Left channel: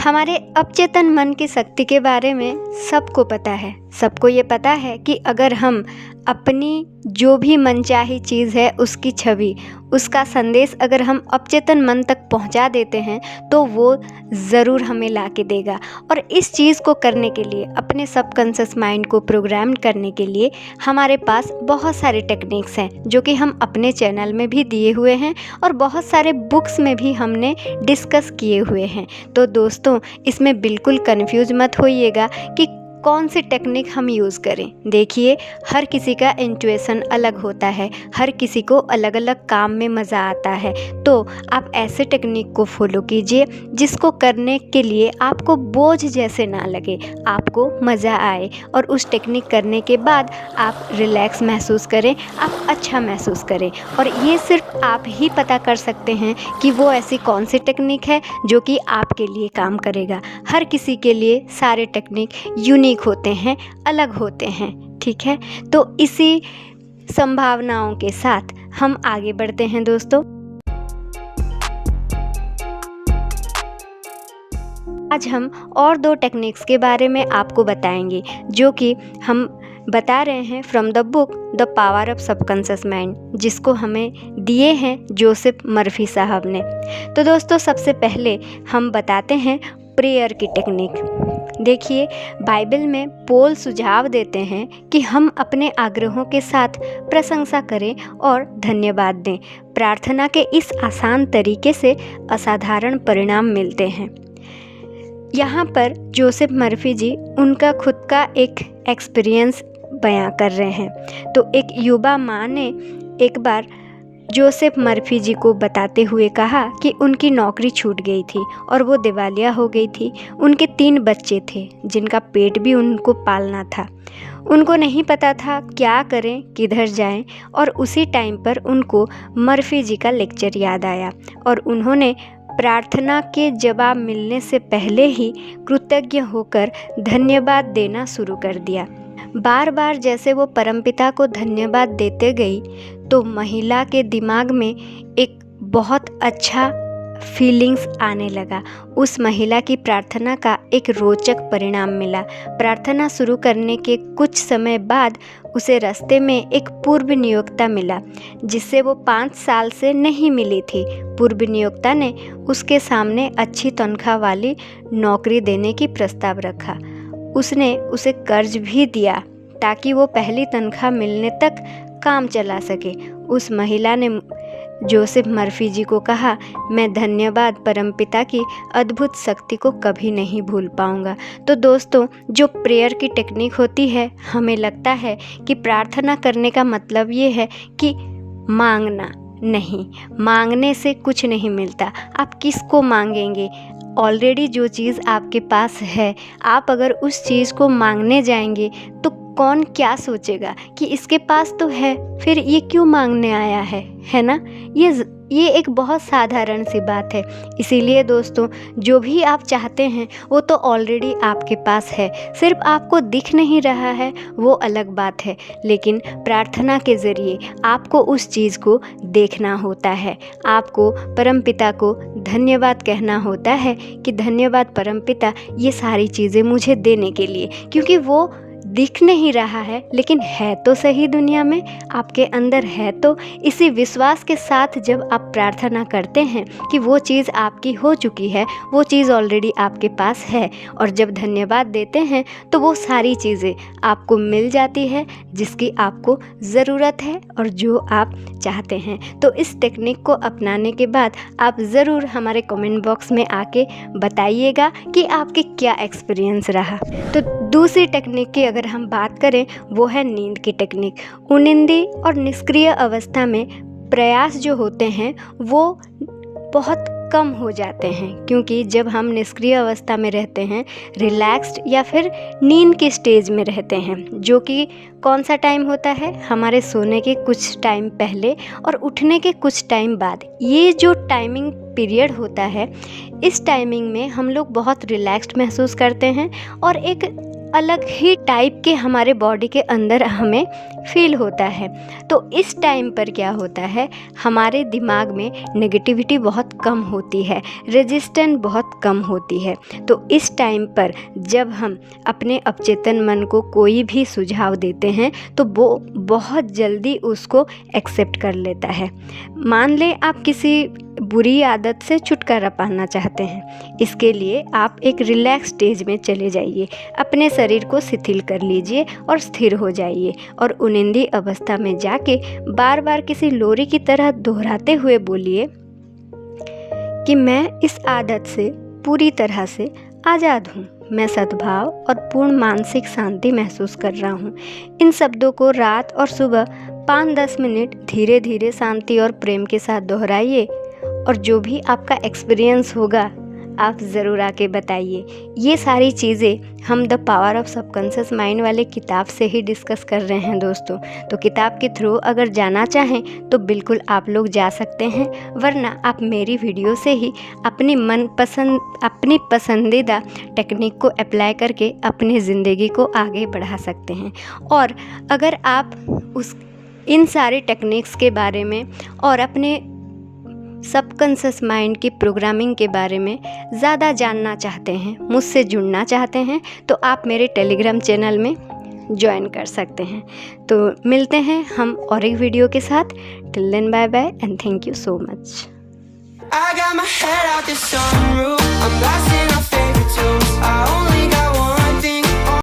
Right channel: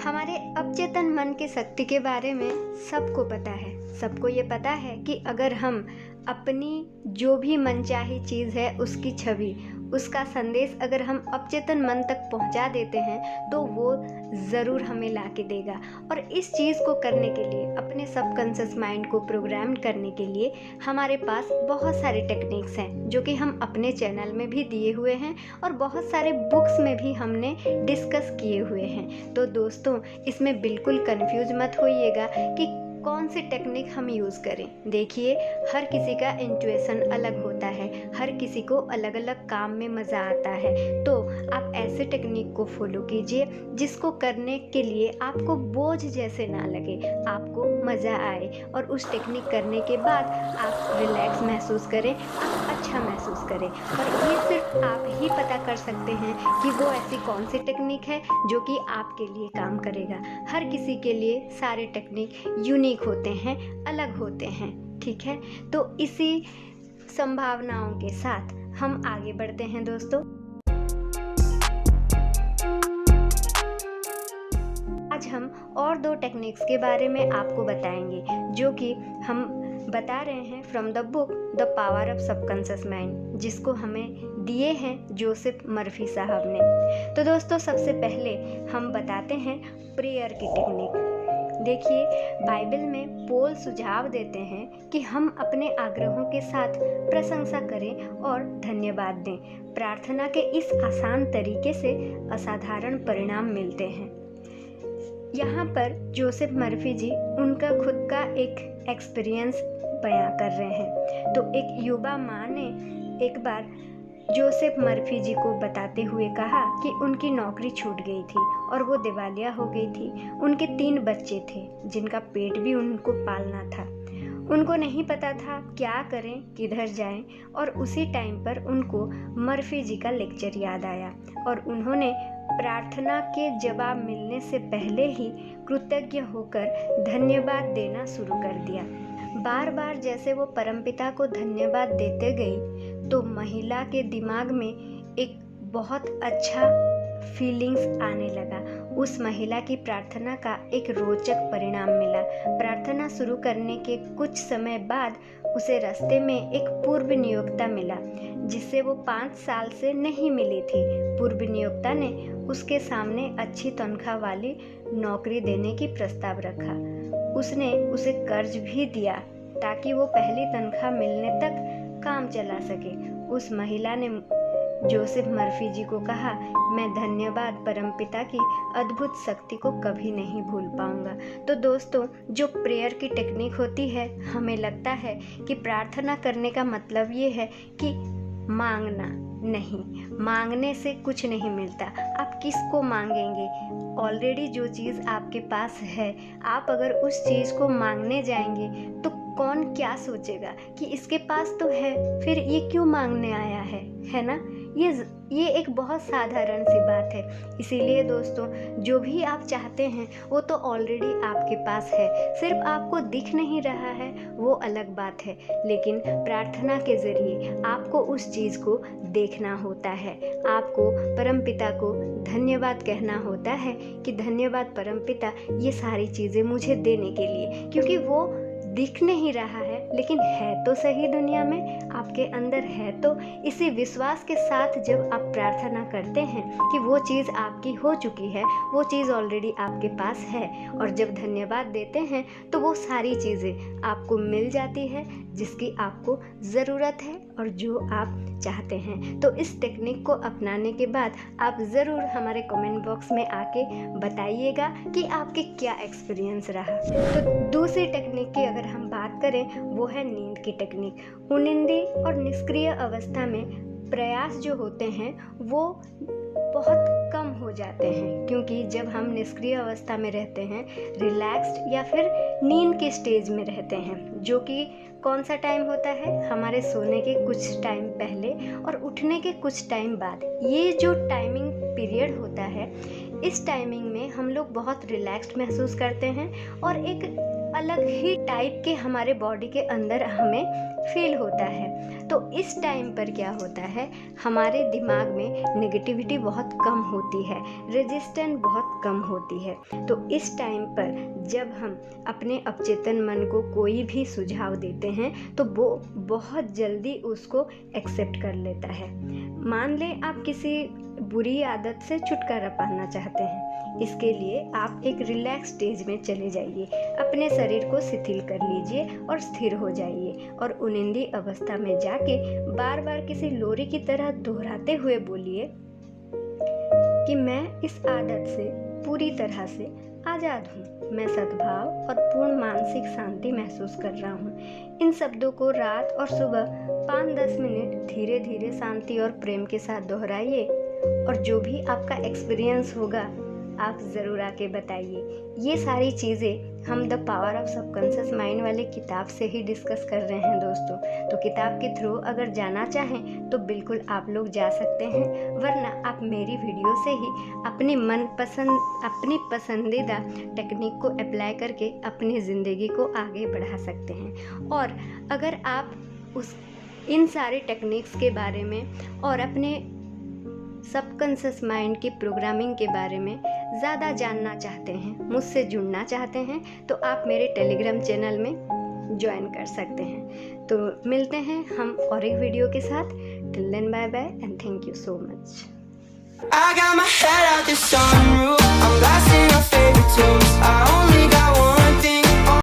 हमारे अवचेतन मन की शक्ति के बारे में सबको पता है। सबको ये पता है कि अगर हम अपनी जो भी मनचाही चीज़ है उसकी छवि, उसका संदेश अगर हम अवचेतन मन तक पहुंचा देते हैं तो वो ज़रूर हमें ला के देगा। और इस चीज़ को करने के लिए, अपने सबकॉन्शियस माइंड को प्रोग्राम करने के लिए हमारे पास बहुत सारे टेक्निक्स हैं जो कि हम अपने चैनल में भी दिए हुए हैं और बहुत सारे बुक्स में भी हमने डिस्कस किए हुए हैं। तो दोस्तों, इसमें बिल्कुल कंफ्यूज मत होइएगा कि कौन सी टेक्निक हम यूज़ करें। देखिए, हर किसी का इंट्यूशन अलग होता है, हर किसी को अलग अलग काम में मज़ा आता है। तो आप ऐसे टेक्निक को फॉलो कीजिए जिसको करने के लिए आपको बोझ जैसे ना लगे, आपको मज़ा आए और उस टेक्निक करने के बाद आप रिलैक्स महसूस करें, आप अच्छा महसूस करें। और ये सिर्फ आप ही पता कर सकते हैं कि वो ऐसी कौन सी टेक्निक है जो कि आपके लिए काम करेगा। हर किसी के लिए सारे टेक्निक यूनिक होते हैं, अलग होते हैं। ठीक है, तो इसी संभावनाओं के साथ हम आगे बढ़ते हैं दोस्तों। आज हम और 2 टेक्निक्स के बारे में आपको बताएंगे जो कि हम बता रहे हैं from the book the power of subconscious mind, जिसको हमें दिए हैं जोसेफ मर्फी साहब ने। तो दोस्तों, सबसे पहले हम बताते हैं प्रेयर की टेक्निक। देखिए, बाइबल में पौल सुझाव देते हैं कि हम अपने आग्रहों के साथ प्रशंसा करें और धन्यवाद दें। प्रार्थना के इस आसान तरीके से असाधारण परिणाम मिलते हैं। यहाँ पर जोसेफ मर्फी जी उनका खुद का एक एक्सपीरियंस बयां कर रहे हैं। तो एक युवा माँ ने एक बार जोसेफ मर्फी जी को बताते हुए कहा कि उनकी नौकरी छूट गई थी और वो दिवालिया हो गई थी। उनके 3 बच्चे थे जिनका पेट भी उनको पालना था। उनको नहीं पता था क्या करें, किधर जाएं। और उसी टाइम पर उनको मर्फी जी का लेक्चर याद आया और उन्होंने प्रार्थना के जवाब मिलने से पहले ही कृतज्ञ होकर धन्यवाद देना शुरू कर दिया। बार बार जैसे वो परमपिता को धन्यवाद देते गई तो महिला के दिमाग में एक बहुत अच्छा फीलिंग्स आने लगा। उस महिला की प्रार्थना का एक रोचक परिणाम मिला। प्रार्थना शुरू करने के कुछ समय बाद उसे रास्ते में एक पूर्व नियोक्ता मिला जिससे वो 5 साल से नहीं मिली थी। पूर्व नियोक्ता ने उसके सामने अच्छी तनख्वाह वाली नौकरी देने की प्रस्ताव रखा। उसने उसे कर्ज भी दिया ताकि वो पहली तनख्वाह मिलने तक काम चला सके। उस महिला ने जोसेफ मर्फी जी को कहा, मैं धन्यवाद परमपिता की अद्भुत शक्ति को कभी नहीं भूल पाऊंगा। तो दोस्तों, जो प्रेयर की टेक्निक होती है, हमें लगता है कि प्रार्थना करने का मतलब ये है कि मांगना नहीं, मांगने से कुछ नहीं मिलता। आप किसको मांगेंगे? ऑलरेडी जो चीज़ आपके पास है, आप अगर उस चीज़ को मांगने जाएंगे तो कौन क्या सोचेगा कि इसके पास तो है, फिर ये क्यों मांगने आया है ना? ये एक बहुत साधारण सी बात है। इसीलिए दोस्तों, जो भी आप चाहते हैं वो तो ऑलरेडी आपके पास है, सिर्फ आपको दिख नहीं रहा है, वो अलग बात है। लेकिन प्रार्थना के ज़रिए आपको उस चीज़ को देखना होता है। आपको परमपिता को धन्यवाद कहना होता है कि धन्यवाद परमपिता, ये सारी चीज़ें मुझे देने के लिए, क्योंकि वो दिख नहीं रहा है लेकिन है तो सही, दुनिया में आपके अंदर है। तो इसी विश्वास के साथ जब आप प्रार्थना करते हैं कि वो चीज़ आपकी हो चुकी है, वो चीज़ ऑलरेडी आपके पास है, और जब धन्यवाद देते हैं तो वो सारी चीज़ें आपको मिल जाती है जिसकी आपको ज़रूरत है और जो आप चाहते हैं। तो इस टेक्निक को अपनाने के बाद आप ज़रूर हमारे कमेंट बॉक्स में आके बताइएगा कि आपके क्या एक्सपीरियंस रहा। तो दूसरी टेक्निक की अगर हम बात करें, वो है नींद की टेक्निक। उनिंदी और निष्क्रिय अवस्था में प्रयास जो होते हैं वो बहुत कम हो जाते हैं, क्योंकि जब हम निष्क्रिय अवस्था में रहते हैं, रिलैक्स्ड या फिर नींद के स्टेज में रहते हैं, जो कि कौन सा टाइम होता है, हमारे सोने के कुछ टाइम पहले और उठने के कुछ टाइम बाद। ये जो टाइमिंग पीरियड होता है, इस टाइमिंग में हम लोग बहुत रिलैक्स्ड महसूस करते हैं और एक अलग ही टाइप के हमारे बॉडी के अंदर हमें फील होता है। तो इस टाइम पर क्या होता है, हमारे दिमाग में नेगेटिविटी बहुत कम होती है, रेजिस्टेंस बहुत कम होती है। तो इस टाइम पर जब हम अपने अवचेतन मन को कोई भी सुझाव देते हैं तो वो बहुत जल्दी उसको एक्सेप्ट कर लेता है। मान लें आप किसी बुरी आदत से छुटकारा पाना चाहते हैं, इसके लिए आप एक रिलैक्स स्टेज में चले जाइए, अपने शरीर को शिथिल कर लीजिए और स्थिर हो जाइए और उनिंदी अवस्था में जाके बार बार किसी लोरी की तरह दोहराते हुए बोलिए कि मैं इस आदत से पूरी तरह से आज़ाद हूँ, मैं सद्भाव और पूर्ण मानसिक शांति महसूस कर रहा हूँ। इन शब्दों को रात और सुबह 5-10 मिनट धीरे धीरे शांति और प्रेम के साथ दोहराइए और जो भी आपका एक्सपीरियंस होगा आप ज़रूर आके बताइए। ये सारी चीज़ें हम the power of subconscious mind वाले किताब से ही डिस्कस कर रहे हैं दोस्तों। तो किताब के थ्रू अगर जाना चाहें तो बिल्कुल आप लोग जा सकते हैं, वरना आप मेरी वीडियो से ही अपनी पसंदीदा टेक्निक को अप्लाई करके अपनी ज़िंदगी को आगे बढ़ा सकते हैं। और अगर आप इन सारे टेक्निक्स के बारे में और अपने सबकॉन्शियस माइंड की प्रोग्रामिंग के बारे में ज़्यादा जानना चाहते हैं, मुझसे जुड़ना चाहते हैं, तो आप मेरे टेलीग्राम चैनल में ज्वाइन कर सकते हैं। तो मिलते हैं हम और एक वीडियो के साथ। Till then bye bye and thank you so much. I got my head out the sunroof, I'm blasting our favorite tunes. I only